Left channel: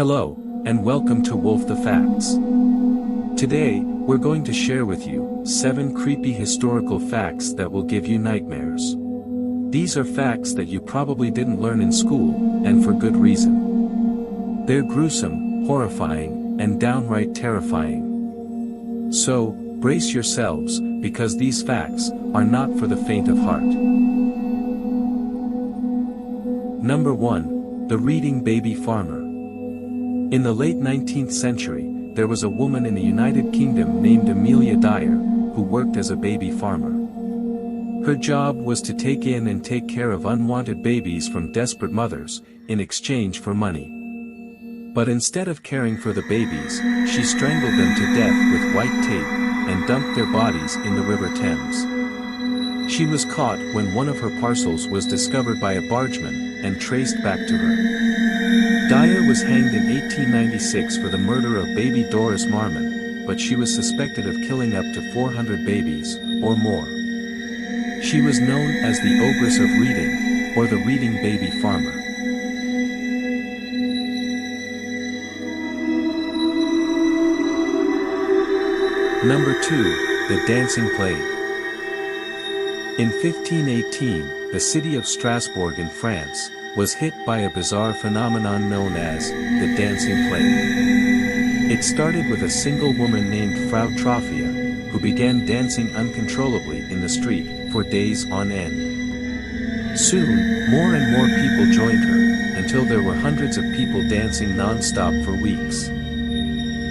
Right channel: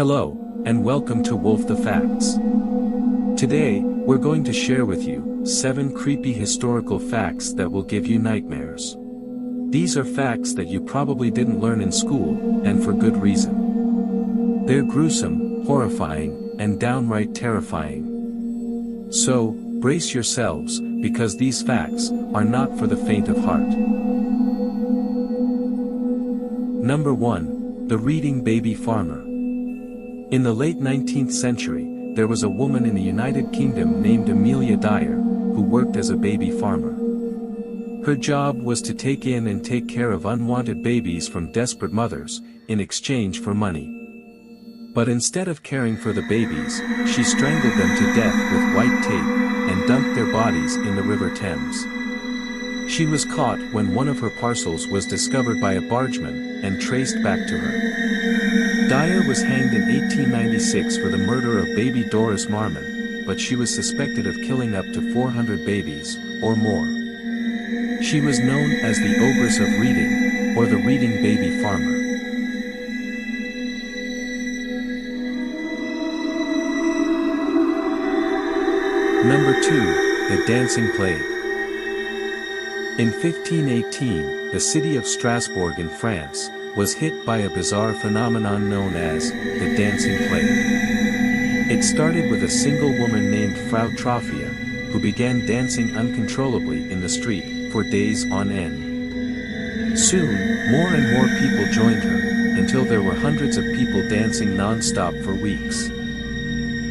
Hello, and welcome to Wolf the Facts. Today, we're going to share with you 7 creepy historical facts that will give you nightmares. These are facts that you probably didn't learn in school, and for good reason. They're gruesome, horrifying, and downright terrifying. So, brace yourselves, because these facts are not for the faint of heart. Number 1. The Reading Baby Farmer. In the late 19th century, there was a woman in the United Kingdom named Amelia Dyer, who worked as a baby farmer. Her job was to take in and take care of unwanted babies from desperate mothers, in exchange for money. But instead of caring for the babies, she strangled them to death with white tape, and dumped their bodies in the River Thames. She was caught when one of her parcels was discovered by a bargeman, and traced back to her. Dyer was hanged in 1896 for the murder of baby Doris Marmon, but she was suspected of killing up to 400 babies, or more. She was known as the Ogress of Reading, or the Reading Baby Farmer. Number 2. The Dancing Plague. In 1518, the city of Strasbourg in France was hit by a bizarre phenomenon known as the Dancing Plague. It started with a single woman named Frau Trophia, who began dancing uncontrollably in the street for days on end. Soon, more and more people joined her, until there were hundreds of people dancing non-stop for weeks.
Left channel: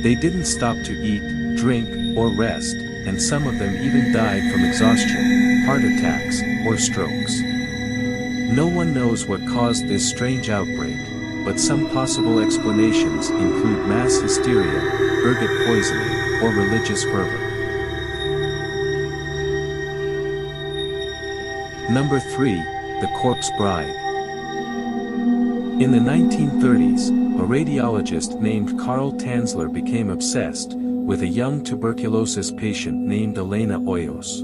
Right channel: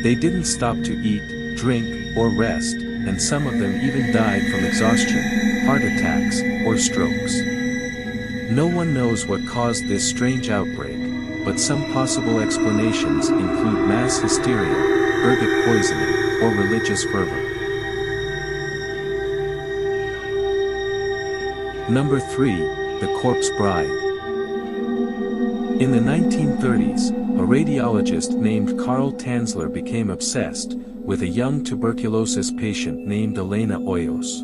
They didn't stop to eat, drink, or rest, and some of them even died from exhaustion, heart attacks, or strokes. No one knows what caused this strange outbreak, but some possible explanations include mass hysteria, ergot poisoning, or religious fervor. Number 3. The Corpse Bride. In the 1930s, a radiologist named Karl Tanzler became obsessed with a young tuberculosis patient named Elena Hoyos.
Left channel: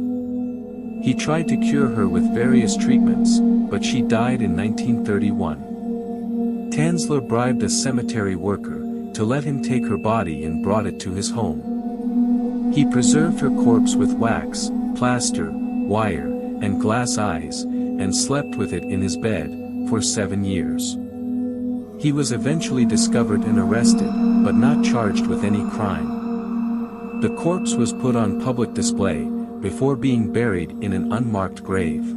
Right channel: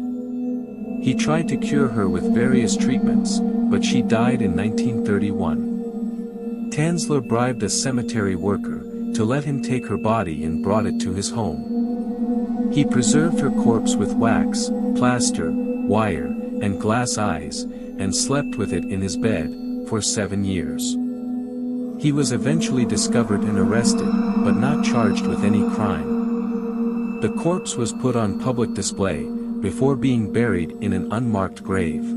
He tried to cure her with various treatments, but she died in 1931. Tanzler bribed a cemetery worker to let him take her body and brought it to his home. He preserved her corpse with wax, plaster, wire, and glass eyes, and slept with it in his bed for 7 years. He was eventually discovered and arrested, but not charged with any crime. The corpse was put on public display, before being buried in an unmarked grave.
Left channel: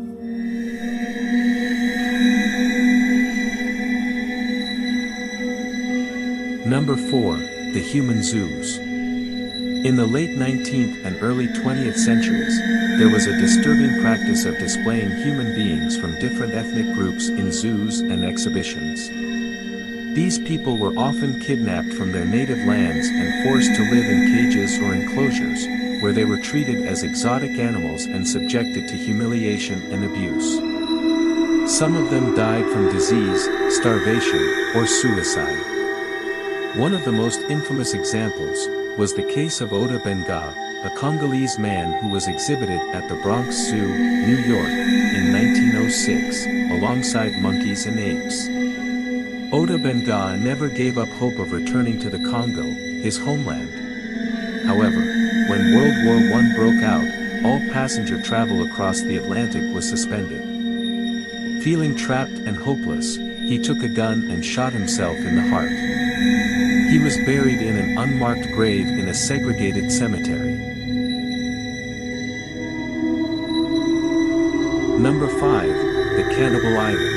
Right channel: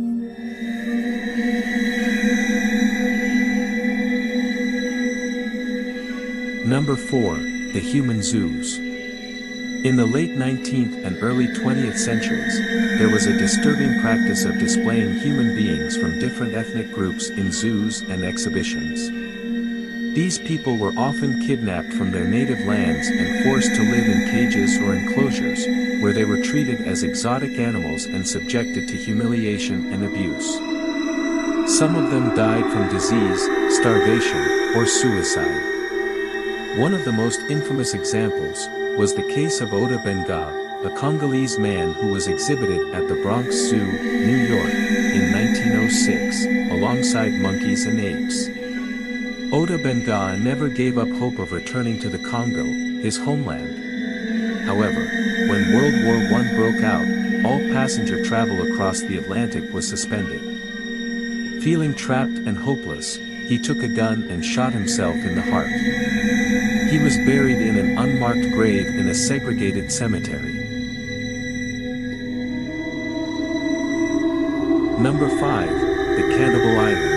Number 4. The Human Zoos. In the late 19th and early 20th centuries, there was a disturbing practice of displaying human beings from different ethnic groups in zoos and exhibitions. These people were often kidnapped from their native lands and forced to live in cages or enclosures, where they were treated as exotic animals and subjected to humiliation and abuse. Some of them died from disease, starvation, or suicide. One of the most infamous examples was the case of Oda Benga, a Congolese man who was exhibited at the Bronx Zoo, New York, in 1906, alongside monkeys and apes. Oda Benga never gave up hope of returning to the Congo, his homeland. However, when World War I broke out, all passenger travel across the Atlantic was suspended. Feeling trapped and hopeless, he took a gun and shot himself in the heart. He was buried in an unmarked grave in a segregated cemetery. Number 5. The Cannibal Island.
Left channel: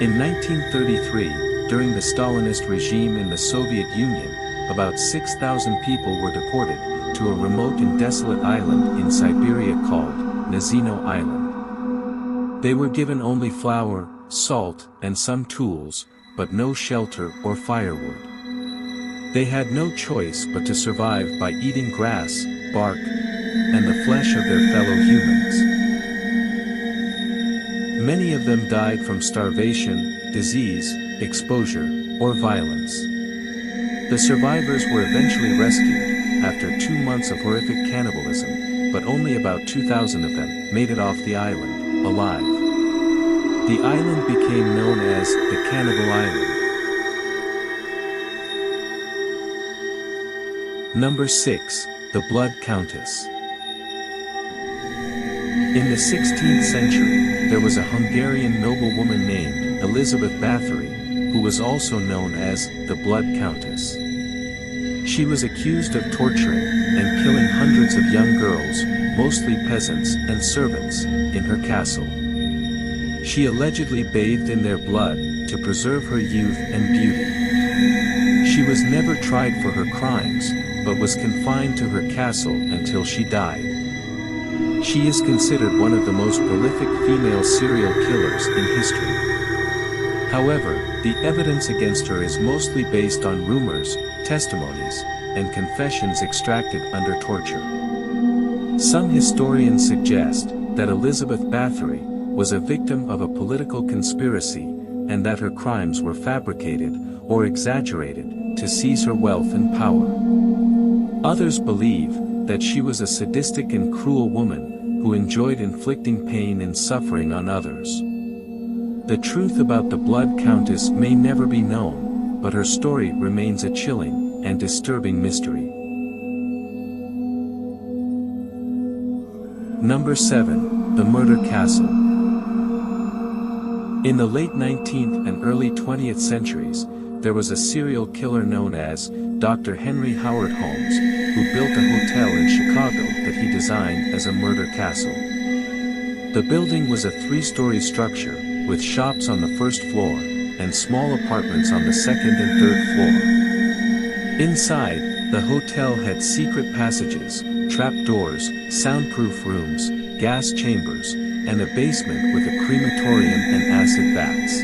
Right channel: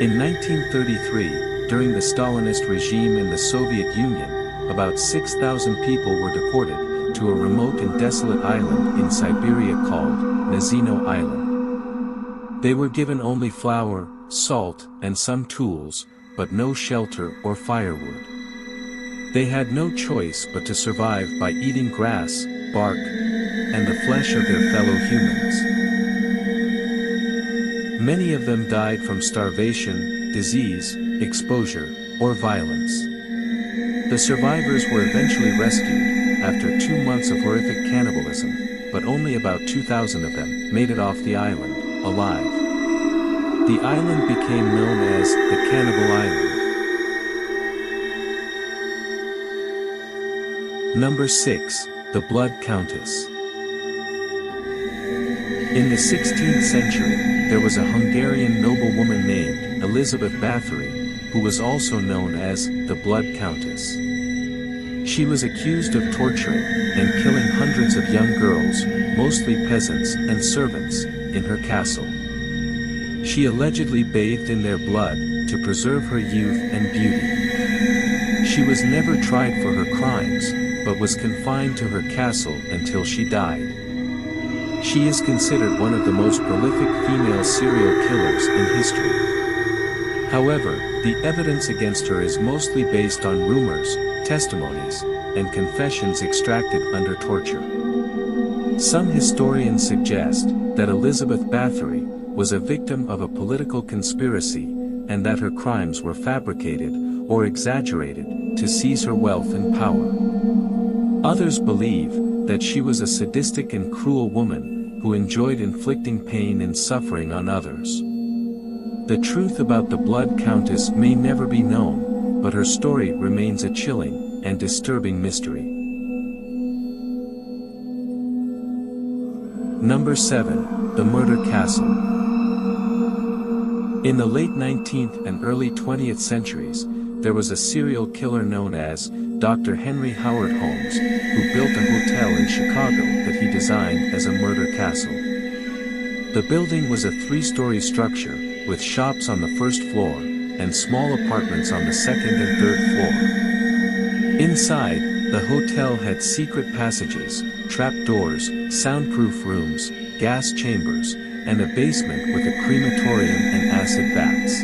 In 1933, during the Stalinist regime in the Soviet Union, about 6,000 people were deported to a remote and desolate island in Siberia called Nazino Island. They were given only flour, salt, and some tools, but no shelter or firewood. They had no choice but to survive by eating grass, bark, and the flesh of their fellow humans. Many of them died from starvation, disease, exposure, or violence. The survivors were eventually rescued, after 2 months of horrific cannibalism, but only about 2,000 of them made it off the island, alive. The island became known as the Cannibal Island. Number 6. The Blood Countess. In the 16th century, there was a Hungarian noblewoman named Elizabeth Bathory, who was also known as the Blood Countess. She was accused of torturing and killing hundreds of young girls, mostly peasants and servants, in her castle. She allegedly bathed in their blood to preserve her youth and beauty. She was never tried for her crimes, but was confined to her castle until she died. She is considered one of the most prolific female serial killers in history. However, the evidence against her is mostly based on rumors, testimonies, and confessions extracted under torture. Some historians suggest that Elizabeth Bathory was a victim of a political conspiracy, and that her crimes were fabricated or exaggerated to seize her wealth and power. Others believe that she was a sadistic and cruel woman who enjoyed inflicting pain and suffering on others. The truth about the Blood Countess may never be known, but her story remains a chilling and disturbing mystery. Number 7. The Murder Castle. In the late 19th and early 20th centuries, there was a serial killer known as Dr. Henry Howard Holmes, who built a hotel in Chicago that he designed as a murder castle. The building was a 3-story structure, with shops on the first floor, and small apartments on the second and third floor. Inside, the hotel had secret passages, trapdoors, soundproof rooms, gas chambers, and a basement with a crematorium and acid vats.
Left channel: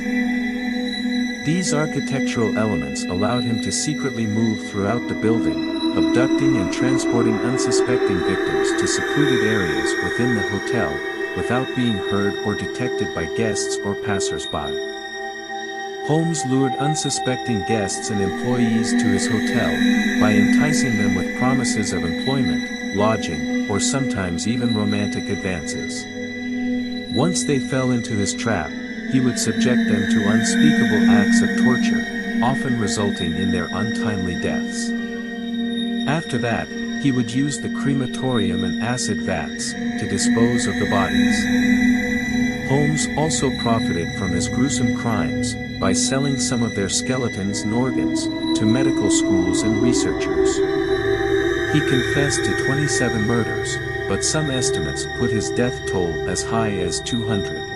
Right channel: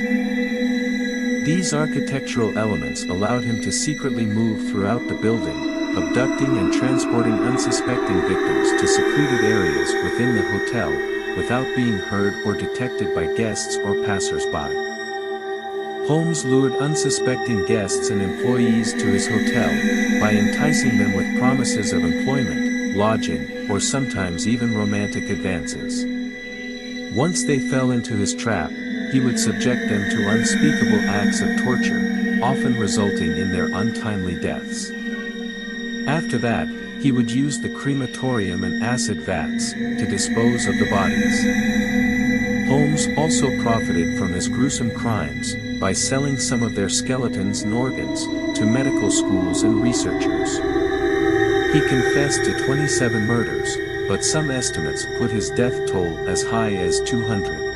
These architectural elements allowed him to secretly move throughout the building, abducting and transporting unsuspecting victims to secluded areas within the hotel, without being heard or detected by guests or passers-by. Holmes lured unsuspecting guests and employees to his hotel, by enticing them with promises of employment, lodging, or sometimes even romantic advances. Once they fell into his trap, he would subject them to unspeakable acts of torture, often resulting in their untimely deaths. After that, he would use the crematorium and acid vats to dispose of the bodies. Holmes also profited from his gruesome crimes by selling some of their skeletons and organs to medical schools and researchers. He confessed to 27 murders, but some estimates put his death toll as high as 200.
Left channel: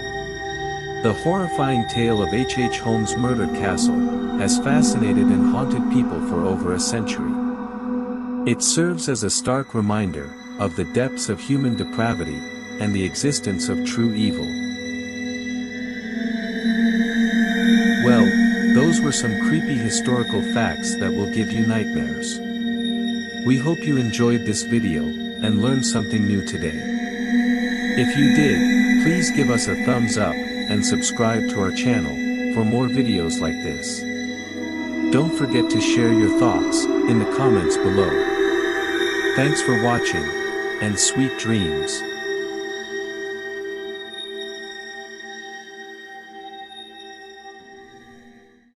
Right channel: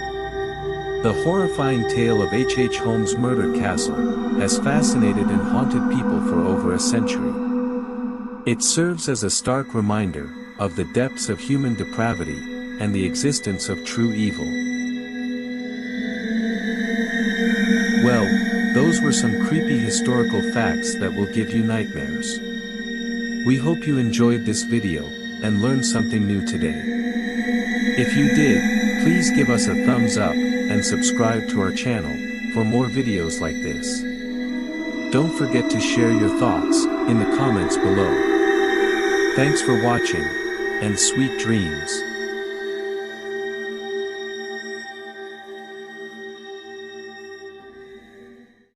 The horrifying tale of H. Holmes' Murder Castle has fascinated and haunted people for over a century. It serves as a stark reminder of the depths of human depravity and the existence of true evil. Well, those were some creepy historical facts that will give you nightmares. We hope you enjoyed this video and learned something new today. If you did, please give us a thumbs up and subscribe to our channel for more videos like this. Don't forget to share your thoughts in the comments below. Thanks for watching, and sweet dreams.